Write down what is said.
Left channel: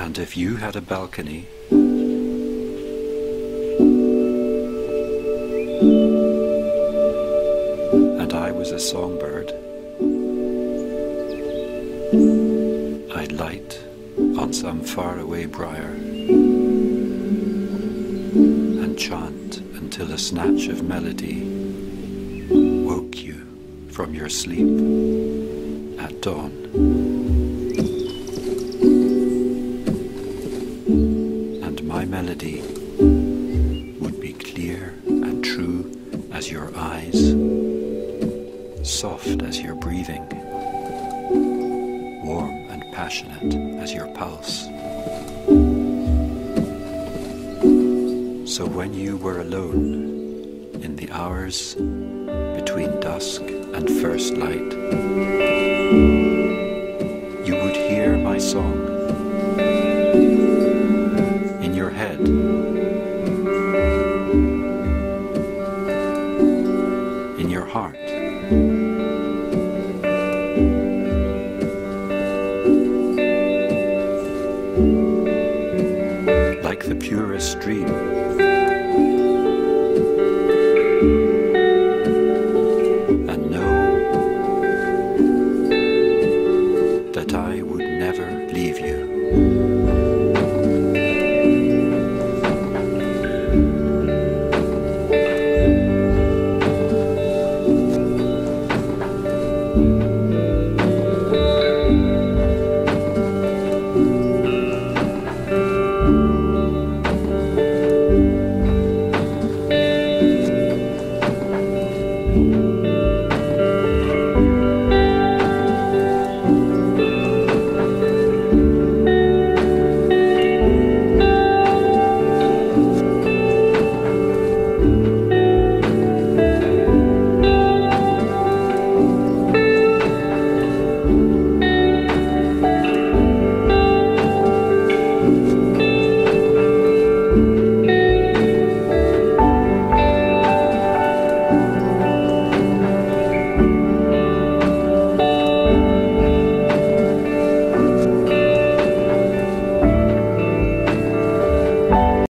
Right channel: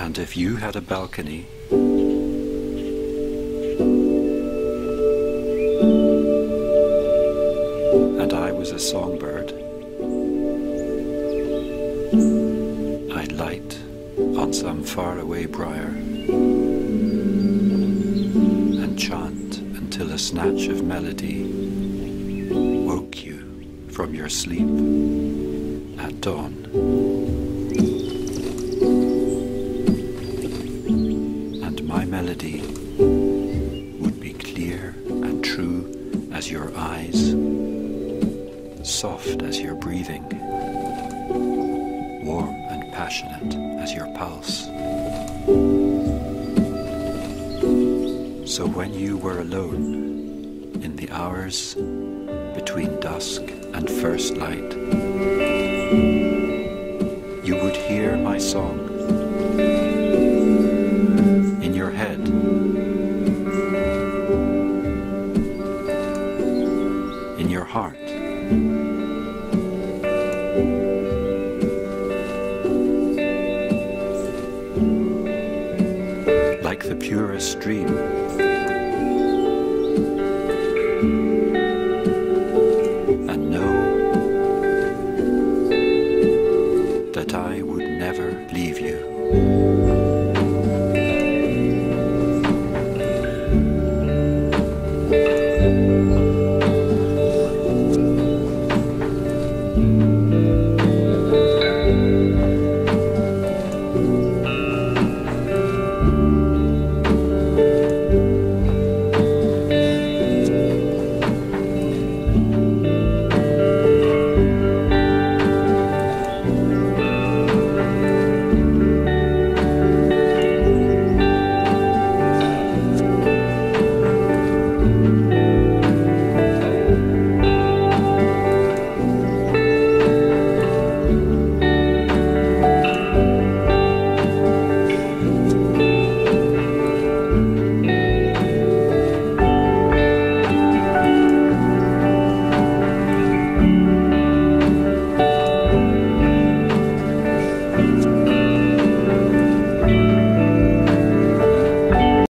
And if you had a balcony, and I was a songbird, I'd light on some faraway briar and chant until a snatch of melody woke you from your sleep at dawn. And my melody would be clear and true as your eyes, soft as your breathing, warm and passionate as your pulse. So when you were alone in the hours between dusk and first light, you would hear my song in your head, in your heart. Like the purest dream. And know that I would never leave you.